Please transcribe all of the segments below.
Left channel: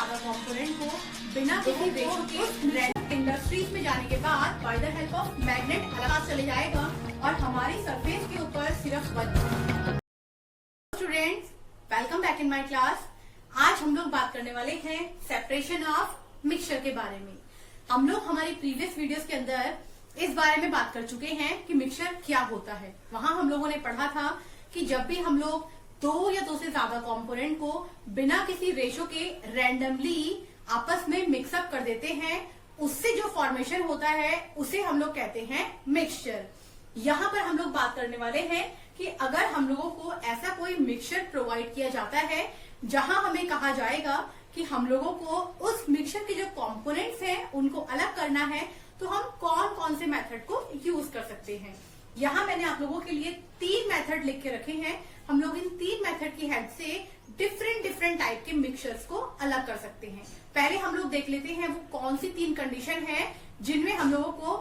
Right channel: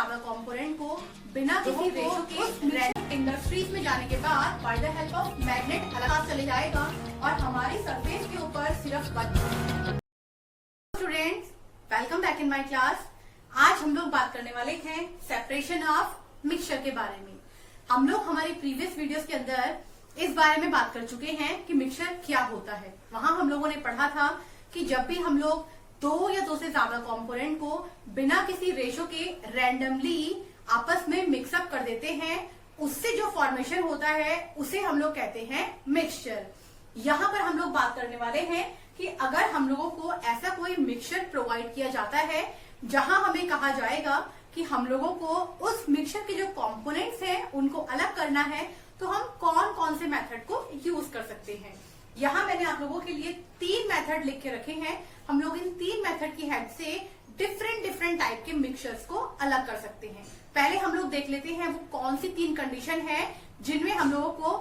ज्यादा कंपोनेंट को बिना किसी रेशो के इंडस्ट्रीज में जाने के बाद bye the help of magnet अलग चले जाएगा और हमारी सरफेस के ऊपर सिर्फ students, welcome back in my class. आज हम लोग बात करने वाले हैं सेपरेशन ऑफ मिक्सचर के बारे में। हम लोग हमारी प्रीवियस वीडियोस के अंदर इस बारे में बात कर चुके हैं कि मिक्सचर क्या होता है। वहां हम लोगों ने पढ़ा था कि जब भी हम लोग दो या दो से ज्यादा कंपोनेंट को बिना किसी रेशो के रैंडमली आपस में मिक्सअप कर देते हैं, उससे जो फॉर्मेशन होता है उसे हम लोग कहते हैं मिक्सचर। यहाँ पर हम लोग बात करने वाले हैं कि अगर हम लोगों को ऐसा कोई मिक्सचर प्रोवाइड किया जाता है जहां हमें कहा जाएगा कि हम लोगों को उस मिक्सचर के जो कंपोनेंट्स हैं उनको अलग करना है, तो हम कौन कौन से मेथड को यूज कर सकते हैं। यहाँ मैंने आप लोगों के लिए 3 मेथड लिख के रखे हैं। हम लोग इन 3 मेथड की हेल्प से डिफरेंट टाइप के मिक्सचर्स को अलग कर सकते हैं। पहले हम लोग देख लेते हैं वो कौन सी 3 कंडीशन है जिनमें हम लोगों को।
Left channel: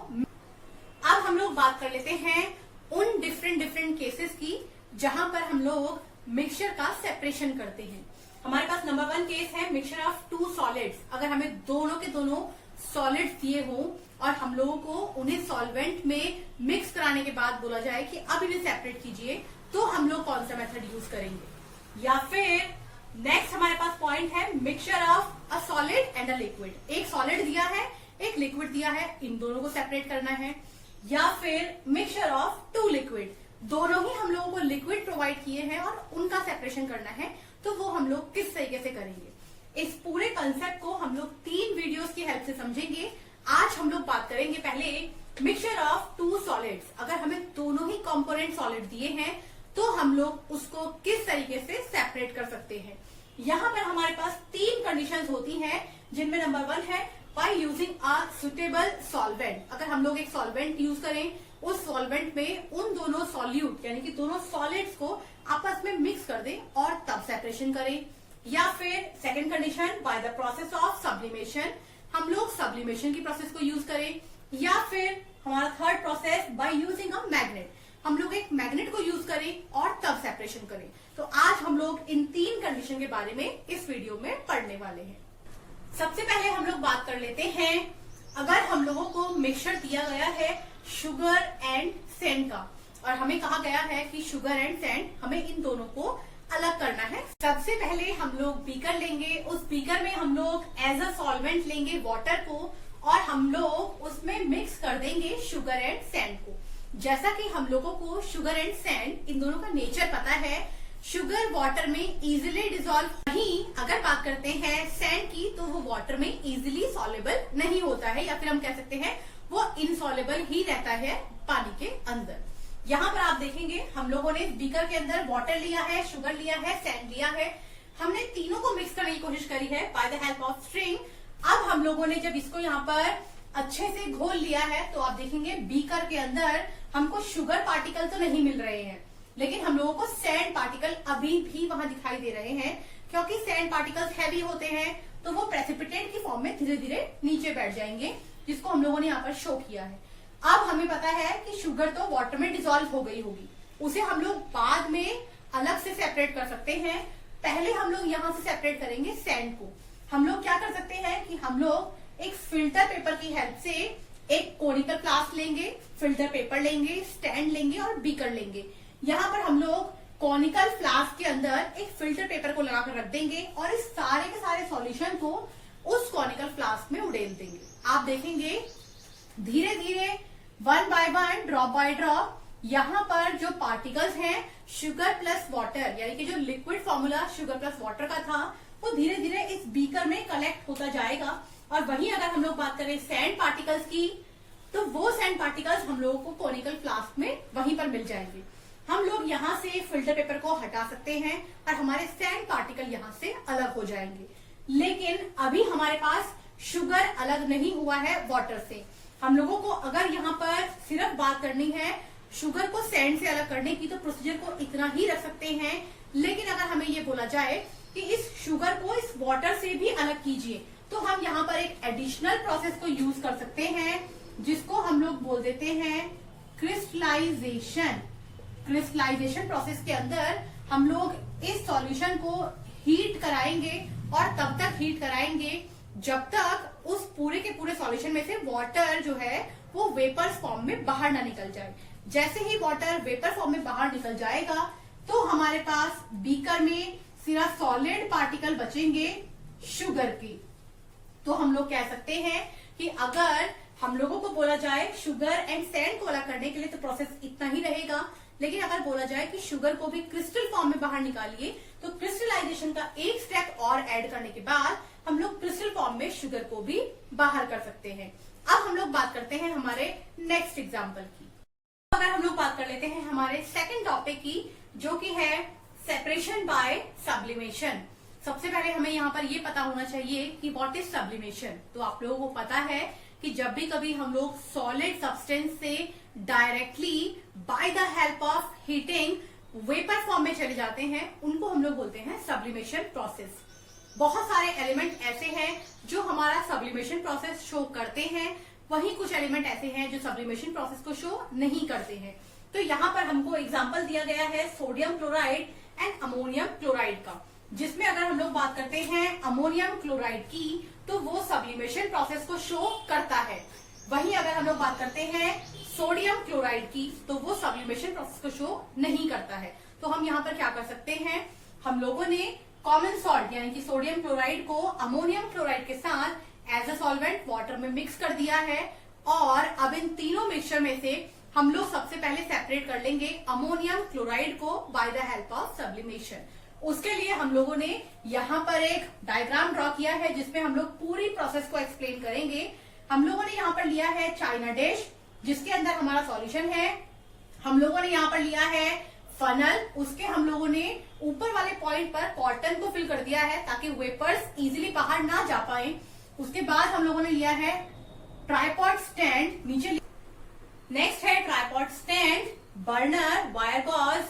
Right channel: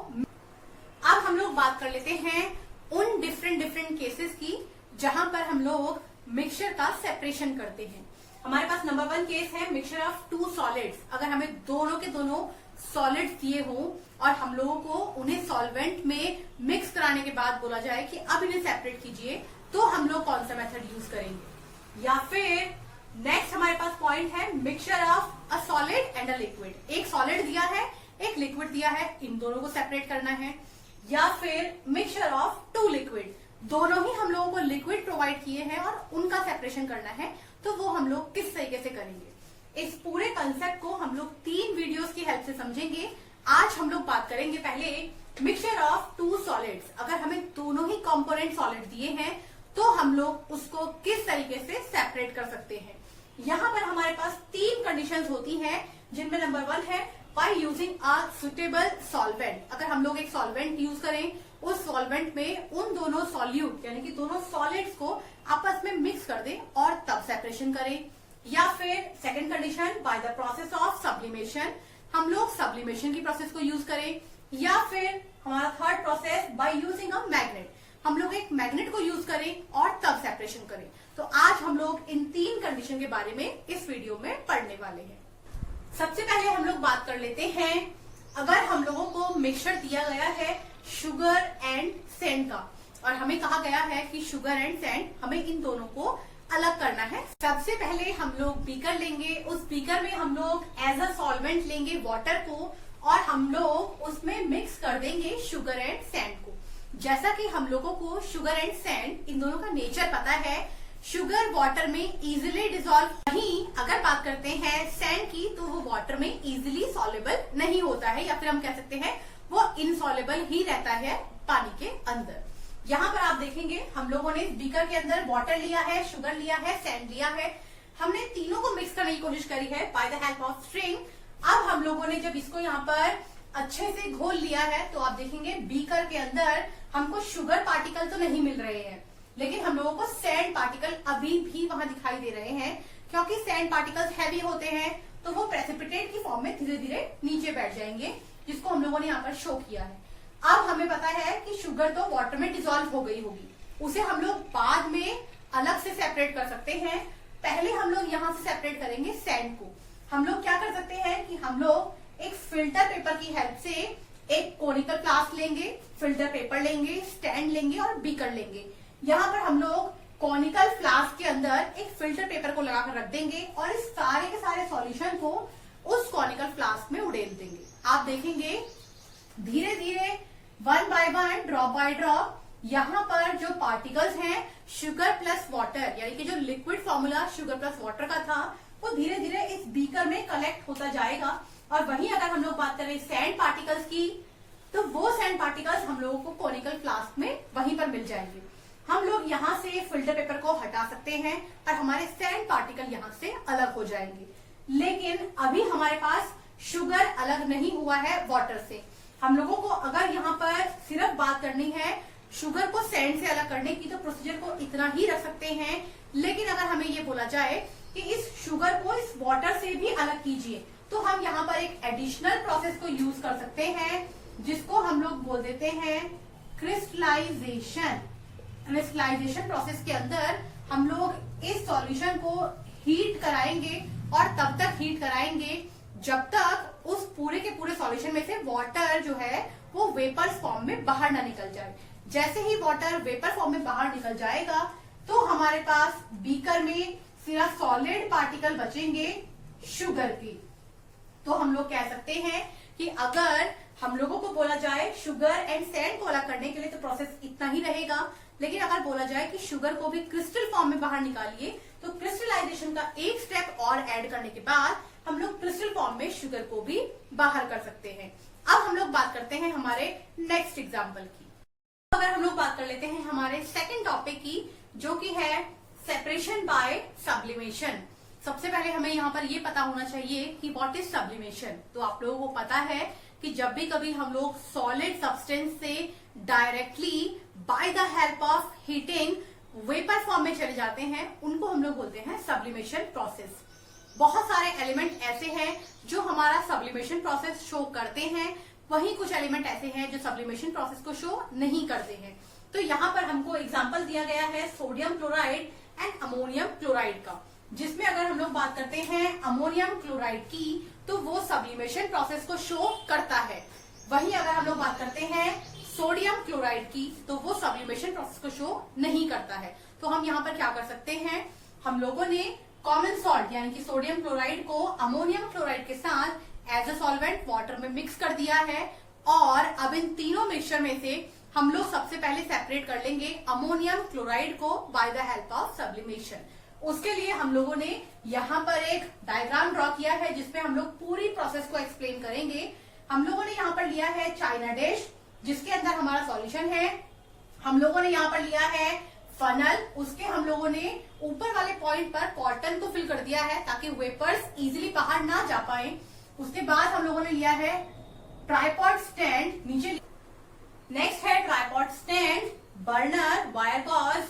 अब हम लोग बात कर लेते हैं उन डिफरेंट केसेस की जहां पर हम लोग मिक्सचर का सेपरेशन करते हैं। हमारे पास नंबर 1 केस है मिक्सचर ऑफ 2 सॉलिड्स। अगर हमें दोनों के दोनों सॉलिड्स दिए हों और हम लोगों को उन्हें सॉल्वेंट में मिक्स कराने के बाद बोला जाए कि अब इन्हें सेपरेट कीजिए, तो हम लोग कौन सा मेथड यूज करेंगे। या फिर नेक्स्ट हमारे पास पॉइंट है mixture of a solid and a liquid. एक सॉलिड दिया है, एक लिक्विड दिया है, इन दोनों को सेपरेट करना है। या फिर मिक्सचर ऑफ 2 लिक्विड, दोनों ही हम लोगों को लिक्विड प्रोवाइड किए हैं और उनका सेपरेशन करना है, तो वो हम लोग किस तरीके से करेंगे। इस पूरे कंसेप्ट को हम लोग 3 वीडियोस की हेल्प से समझेंगे। आज हम लोग बात करेंगे पहले मिक्सचर ऑफ 2 सॉलिड्स। अगर हमें दोनों ही कंपोनेंट सॉलिड दिए हैं तो हम लोग उसको किस तरीके से सेपरेट कर सकते हैं। यहाँ पर हमारे पास 3 कंडीशंस होती हैं, जिनमें नंबर 1 है by using a suitable solvent. अगर हम लोग एक सॉल्वेंट यूज करें, उस सॉल्वेंट में उन दोनों सॉल्यूट यानी कि दोनों सॉलिड्स को आपस में मिक्स कर दें और तब सेपरेशन करें। या फिर second condition by the process of sublimation, हम लोग सब्लिमेशन की प्रोसेस को यूज करें। या फिर हमारा third process by using a magnet, हम लोग एक मैग्नेट को यूज करें और तब सेपरेशन करें। तो आज हम लोग इन 3 कंडीशन के बारे में इस वीडियो में पढ़ने वाले हैं। सबसे पहले हम लोग बात कर लेते हैं, अगर हम लोगों को मिक्सचर दिया गया है शुगर एंड सैंड का और हमें कहा गया है कि शुगर एंड सैंड हमें इन दोनों को अलग करना है। सबसे पहले हम लोग बीकर लेंगे, उस बीकर में हम लोग एज अ सॉल्वेंट लेंगे वाटर को और हम लोग उसमें मिक्स कर देंगे शुगर एंड सैंड को। जैसा कि हम लोगों को शुगर एंड सैंड इन दोनों का नेचर पता है, शुगर वाटर में इजिली डिजोल्व, वहीं अगर बात करते हैं सैंड की तो वो वाटर में इजिली सॉल्युबल नहीं होता है, या फिर हम कह सकते हैं वो इनसॉल्युबल ही रहता है पानी के अंदर। यहाँ पर आप देखेंगे हम लोगों ने बीकर के अंदर वाटर लिया है, शुगर लिया है, सैंड लिया है, हमने तीनों को मिक्स करने की कोशिश करी है bye the help of string. अब हम लोगों ने जब इसको यहाँ पर अच्छे से घोल लिया है तो आप देखेंगे बीकर के अंदर हमको शुगर पार्टिकल तो नहीं मिल रहे हैं, लेकिन हम लोगों को सैंड पार्टिकल अभी भी वहां दिखाई दे रहे हैं। क्योंकि सैंड पार्टिकल्स हैवी होते हैं तो वो प्रेसिपिटेट की फॉर्म में धीरे धीरे नीचे बैठ जाएंगे, जिसको हम लोगों ने यहाँ पर शो किया है। अब हमें पता है कि शुगर तो वाटर में डिसॉल्व हो गई होगी, उसे हम लोग बाद में अलग से सेपरेट कर सकते हैं। पहले हम लोग यहाँ से सेपरेट करेंगे सैंड को। हम लोग क्या कर सकते हैं कि हम लोग एक फिल्टर पेपर की हेल्प से एक कोनिकल फ्लास्क लेंगे, फिल्टर पेपर लेंगे, स्टैंड लेंगे और बीकर लेंगे। यहाँ पर हम लोग कॉनिकल फ्लास्क के अंदर एक फिल्टर पेपर को लगाकर रख देंगे और इस सारे के सारे सॉल्यूशन को उस कॉनिकल फ्लास्क में उड़ेल देंगे। आप देखेंगे धीरे धीरे 1 बाय 1 ड्रॉप बाय ड्रॉप यहाँ पर जो पार्टिकल्स हैं शुगर प्लस वाटर यानी कि जो liquid formula sugar plus water का था वो धीरे धीरे इस बीकर में कलेक्ट होता जाएगा। और वहीं अगर हम लोग बात करें सैंड पार्टिकल्स की, तो वो सैंड पार्टिकल्स हम लोगों को कॉनिकल फ्लास्क में वहीं पर मिल जाएंगे। हम लोग यहाँ से फिल्टर पेपर को हटा सकते हैं और हमारे सैंड पार्टिकल यहाँ से अलग हो जाएंगे। लेकिन अभी हमारे पास शुगर अलग नहीं हुआ है वाटर से। हम लोगों को अगर यहाँ पर सिर्फ बात करनी है शुगर को सैंड से अलग करने की, तो प्रोसीजर को इतना ही रख सकते हैं। लेकिन अगर हमें ये बोला जाए कि इस शुगर को इस वाटर से भी अलग कीजिए, तो हम यहाँ पर एक एडिशनल प्रोसेस को यूज कर सकते हैं, जिसको हम लोग बोल देते हैं क्रिस्टलाइजेशन। क्रिस्टलाइजेशन प्रोसेस के अंदर हम लोग इस सॉल्यूशन को हीट कराएंगे और तब तक हीट कराएंगे जब तक उस पूरे के पूरे सॉल्यूशन में से वाटर जो है वो वेपर्स फॉर्म में बाहर ना निकल जाए। जैसे ही वाटर वेपर फॉर्म में बाहर निकल जाएगा तो हमारे पास बीकर में सिर्फ सॉलिड पार्टिकल बचेंगे शुगर की। तो हम लोग कह सकते हैं कि अगर हम लोगों को बोला जाए शुगर एंड सैंड को अलग करने के लिए तो प्रोसेस इतना ही रहेगा, लेकिन अगर बोला जाए कि शुगर को भी क्रिस्टल फॉर्म में बाहर निकालिए तो क्रिस्टलाइजेशन का एक स्टेप और ऐड करने के बाद हम लोग क्रिस्टल फॉर्म में शुगर को भी बाहर कर सकते हैं। अब हम लोग बात करते हैं हमारे नेक्स्ट एग्जाम्पल की। अगर हम लोग बात कर लेते हैं हमारे सेकेंड टॉपिक की, जो कि है सेपरेशन बाय सब्लिमेशन। सबसे पहले हमें यहाँ पर ये पता होना चाहिए कि व्हाट इज सब्लिमेशन। तो आप लोगों को पता है कि जब भी कभी हम लोग सॉलिड सब्सटेंस से directly by the help of heating vapour form में चले जाते हैं उनको हम लोग बोलते हैं सब्लिमेशन प्रोसेस। बहुत सारे एलिमेंट ऐसे हैं जो हमारा सब्लिमेशन प्रोसेस शो करते हैं, वहीं कुछ एलिमेंट ऐसे हैं जो सब्लिमेशन प्रोसेस को शो नहीं करते हैं। तो यहाँ पर हमको एग्जांपल दिया गया है sodium chloride and ammonium chloride का, जिसमें अगर हम लोग बात करते हैं अमोनियम क्लोराइड की तो वो सब्लिमेशन प्रोसेस को शो करता है। वहीं अगर हम लोग बात करते हैं सोडियम क्लोराइड की तो वो सब्लिमेशन प्रोसेस को शो नहीं करता है। तो हम यहाँ पर क्या कर सकते हैं, हम लोगों ने कॉमन सॉल्ट यानी कि सोडियम क्लोराइड को अमोनियम क्लोराइड के साथ एज अ सॉल्वेंट वाटर में मिक्स कर दिया है और अब इन तीनों मिक्सचर में से हम लोग सबसे पहले सेपरेट कर लेंगे अमोनियम क्लोराइड को by the help of sublimation. उसके लिए हम लोगों ने यहाँ पर एक डायग्राम ड्रॉ किया है जिसमें हम लोग पूरी प्रोसेस को एक्सप्लेन करेंगे। हम लोगों ने यहाँ पर लिया है चाइना डिश जिसके अंदर हमारा सॉल्यूशन है। हम लोगों ने यहाँ पर लिया है फनल, उसके हम लोगों ने ऊपर वाले पॉइंट पर कॉटन को फिल कर दिया है ताकि वेपर्स इजीली बाहर ना जा पाए। उसके बाद हम लोगों ने लिया है ट्राइपॉड स्टैंड, नीचे नेक्स्ट है tripod stand, burner, wire gauze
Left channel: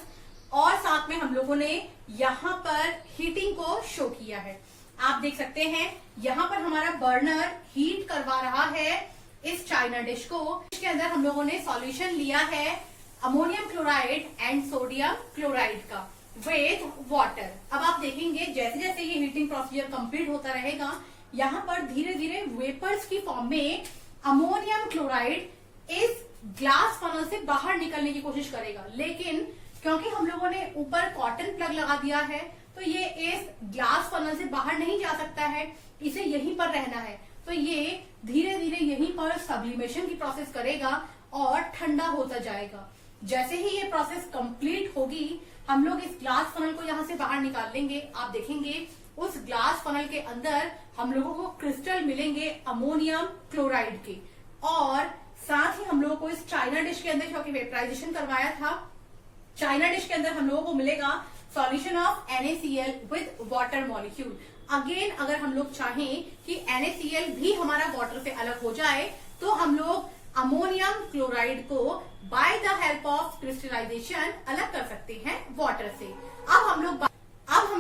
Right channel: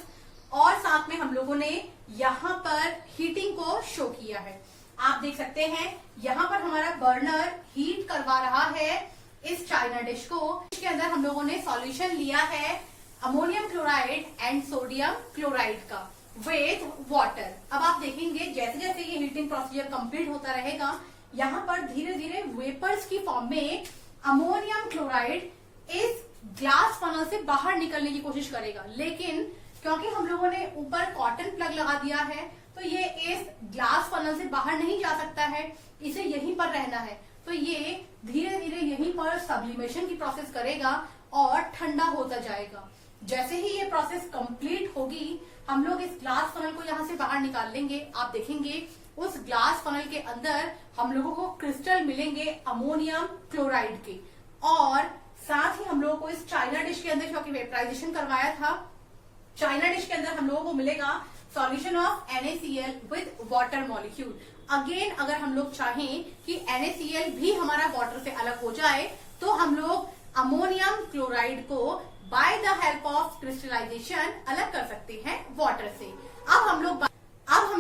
और साथ में हम लोगों ने यहाँ पर हीटिंग को शो किया है। आप देख सकते हैं यहाँ पर हमारा बर्नर हीट करवा रहा है इस चाइना डिश को। इसके अंदर हम लोगों ने सॉल्यूशन लिया है ammonium chloride and sodium chloride का विद वाटर। अब आप देखेंगे जैसे जैसे ये हीटिंग प्रोसीजर कंप्लीट होता रहेगा यहाँ पर धीरे धीरे वेपर्स की फॉर्म में अमोनियम क्लोराइड इस ग्लास फनल से बाहर निकलने की कोशिश करेगा, लेकिन क्योंकि हम लोगों ने ऊपर कॉटन प्लग लगा दिया है तो ये इस ग्लास फनल से बाहर नहीं जा सकता है, इसे यहीं पर रहना है। तो ये धीरे धीरे यहीं पर सब्लिमेशन की प्रोसेस करेगा और ठंडा होता जाएगा। जैसे ही ये प्रोसेस कंप्लीट होगी हम लोग इस ग्लास फनल को यहाँ से बाहर निकाल लेंगे। आप देखेंगे उस ग्लास फनल के अंदर हम लोगों को क्रिस्टल मिलेंगे अमोनियम क्लोराइड के, और साथ ही हम लोगों को इस चाइना डिश के अंदर क्योंकि वेपराइजेशन करवाया था, चाइना डिश के अंदर हम लोगों को मिलेगा solution of NaCl with water molecule. Again अगर हम लोग चाहें कि NaCl भी हमारा वाटर से अलग हो जाए तो हम लोग अमोनियम क्लोराइड को by the help of crystallization अलग कर सकते हैं वाटर से। अब हम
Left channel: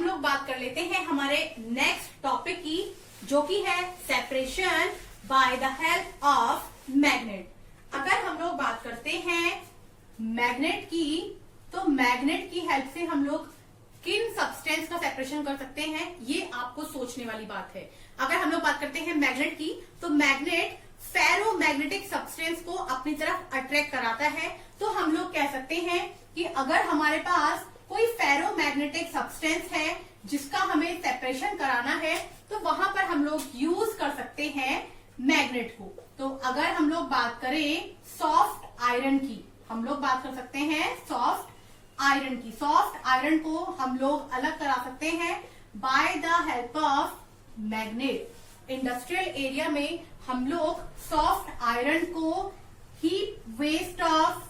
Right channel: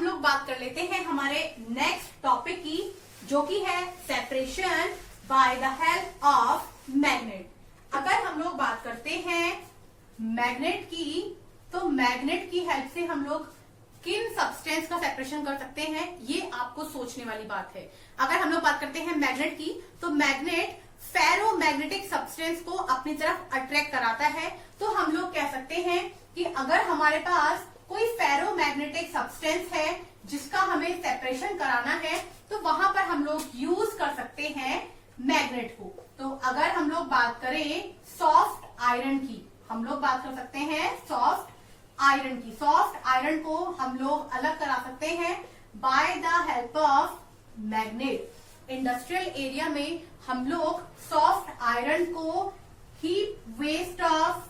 लोग बात कर लेते हैं हमारे नेक्स्ट टॉपिक की, जो कि है separation by the help of magnet. अगर हम लोग बात करते हैं मैग्नेट की, तो मैग्नेट की हेल्प से हम लोग किन सब्सटेंस का सेपरेशन कर सकते हैं, ये आपको सोचने वाली बात है। अगर हम लोग बात करते हैं मैग्नेट की, तो मैग्नेट फेरोमैग्नेटिक सब्सटेंस को अपनी तरफ अट्रैक्ट कराता है। तो हम लोग कह सकते हैं कि अगर हमारे पास कोई फेरोमैग्नेटिक सब्सटेंस है जिसका हमें सेपरेशन कराना है तो वहां पर हम लोग यूज कर सकते हैं मैग्नेट को। तो अगर हम लोग बात करें सॉफ्ट आयरन की, हम लोग बात कर सकते हैं सॉफ्ट आयरन की। सॉफ्ट आयरन को हम लोग अलग करा सकते हैं by the help of magnet. Industrial area में हम लोग सॉफ्ट आयरन को heat waste of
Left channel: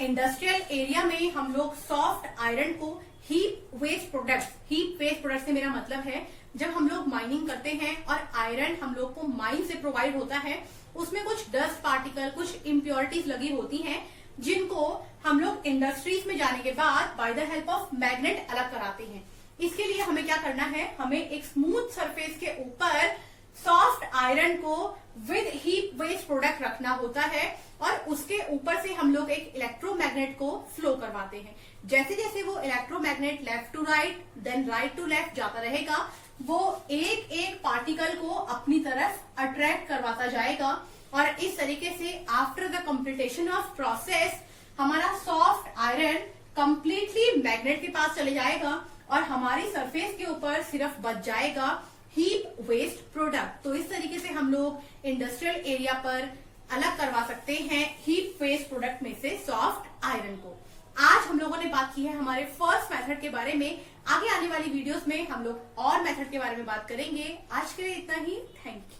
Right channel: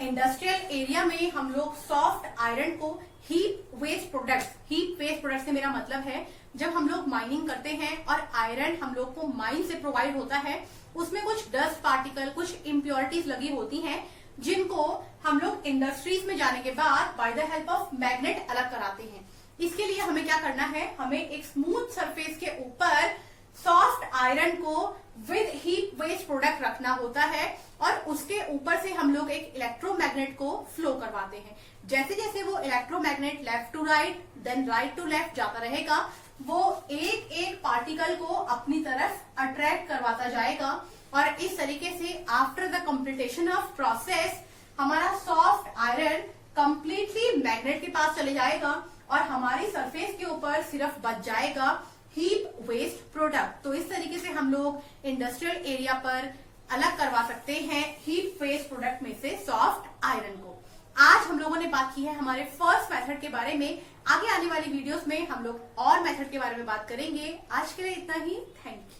industrial area में हम लोग सॉफ्ट आयरन को हीट वेस्ट प्रोडक्ट से मेरा मतलब है जब हम लोग माइनिंग करते हैं और आयरन हम लोग को माइन से प्रोवाइड होता है, उसमें कुछ डस्ट पार्टिकल, कुछ इम्प्योरिटीज लगी होती हैं जिनको हम लोग इंडस्ट्रीज में जाने के बाद bye the help of magnet अलग कराते हैं। इसके लिए हमें क्या करना है, हमें एक स्मूथ सरफेस के ऊपर सॉफ्ट आयरन को विद हीट वेस्ट प्रोडक्ट रखना होता है और उसके ऊपर से हम लोग एक इलेक्ट्रोमैग्नेट को फ्लो कर करवाते हैं। जैसे जैसे वो electromagnet left to right then right to left जाता रहेगा, वो एक एक पार्टिकल को अपनी तरफ अट्रैक्ट करवाता जाएगा और इस तरीके से after the completion of process हमारा सॉफ्ट आयरन कंप्लीटली मैग्नेट के पास चले जाएगा और हमारी सरफेस के ऊपर सिर्फ बच जाएगा हीप वेस्ट प्रोडक्ट। तो इस तरीके से हम लोग इंडस्ट्रियल एरिया पर अलग करवा सकते हैं हीप वेस्ट प्रोडक्ट में से सॉफ्ट आयरन को। आज हम लोगों ने बात की है हमारे फर्स्ट मेथड के बारे में। आगे आने वाली वीडियोस में हम लोग और मेथड के बारे में बात करेंगे। आज के लिए इतना ही। Thank you.